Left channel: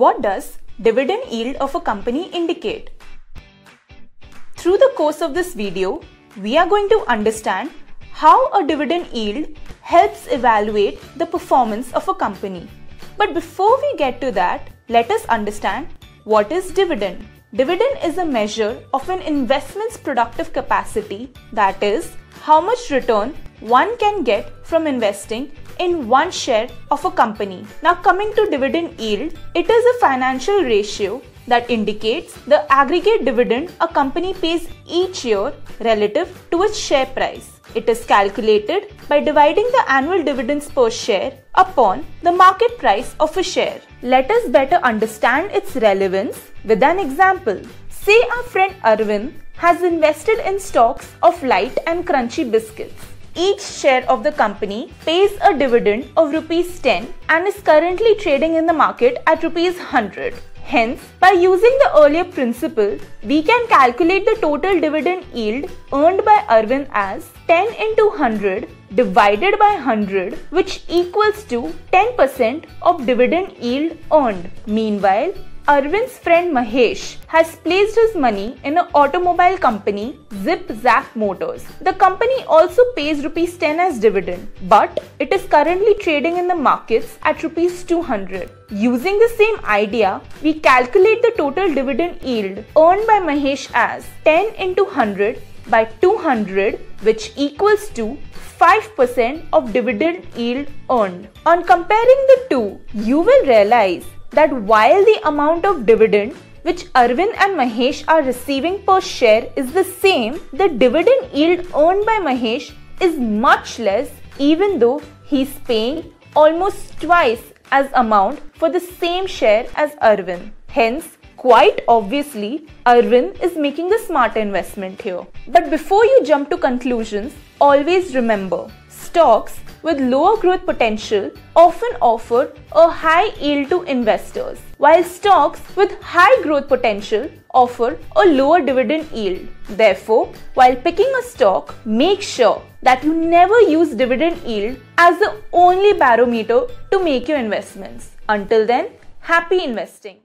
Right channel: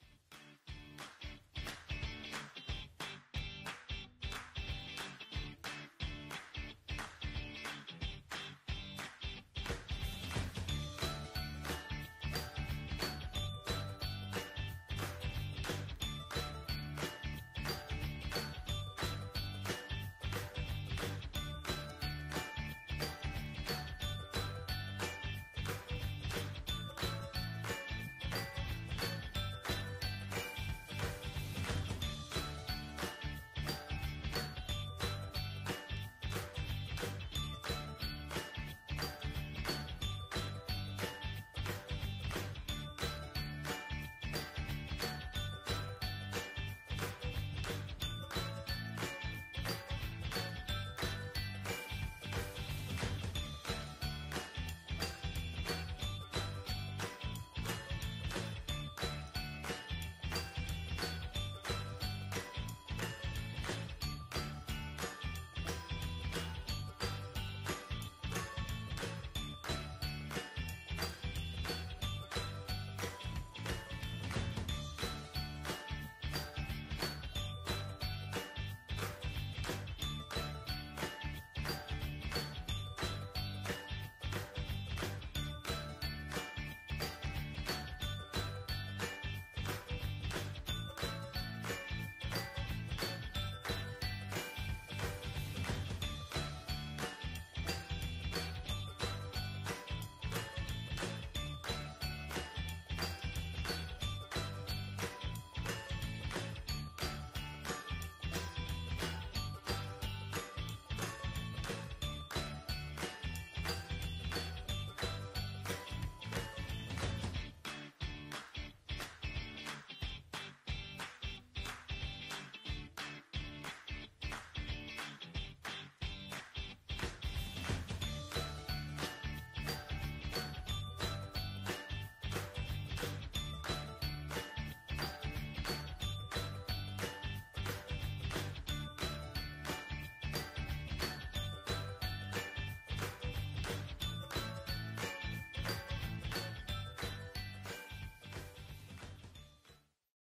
What does dividend yield of a company indicate? Through the course of this video, we are going to understand how a dividend yield helps evaluate the performance of a company. But before we get to that, let us understand what is dividend. Dividend is a measure of an investment's productive capacity, that is, how much return one can get from investing in one share of a company. Now coming to dividend yield, it is a financial ratio that indicates the aggregate dividend a company pays each year relative to its share price. It is calculated by dividing the annual dividends per share upon the market price of a share. Let us better understand its relevance with an example. Say our friend Arvind has invested in stocks of light and crunchy biscuits. Each share of the company pays a dividend of Rs 10 and is currently trading in the market at Rs 100. Hence, by using the earlier principle, we can calculate the total dividend yield earned by Arvind as 10 into 100 divided by 100, which equals to 10% of dividend yield earned. Meanwhile, Arvind's friend Mahesh has placed his money in an automobile company, Zip Zap Motors. The company also pays Rs 10 as dividend, but it is currently trading in the markets at Rs 200. Using the same idea, we calculate the total dividend yield earned by Mahesh as 10 into 100 by 200, which equals to 5% of dividend yield earned. On comparing the two, you will realize that while the amount of dividend which Arvind and Mahesh are receiving per share is the same, the dividend yield earned by Mahesh is much less, even though he is paying almost twice as amount for the same share as Arvind. Hence, quite obviously, Arvind is making a smart investment here. But before you jump to conclusions, always remember, stocks with lower growth potential often offer a high yield to investors, while stocks with high growth potential offer a lower dividend yield. Therefore, while picking a stock, make sure that you never use dividend yield as the only barometer to make your investments. Until then, happy investing.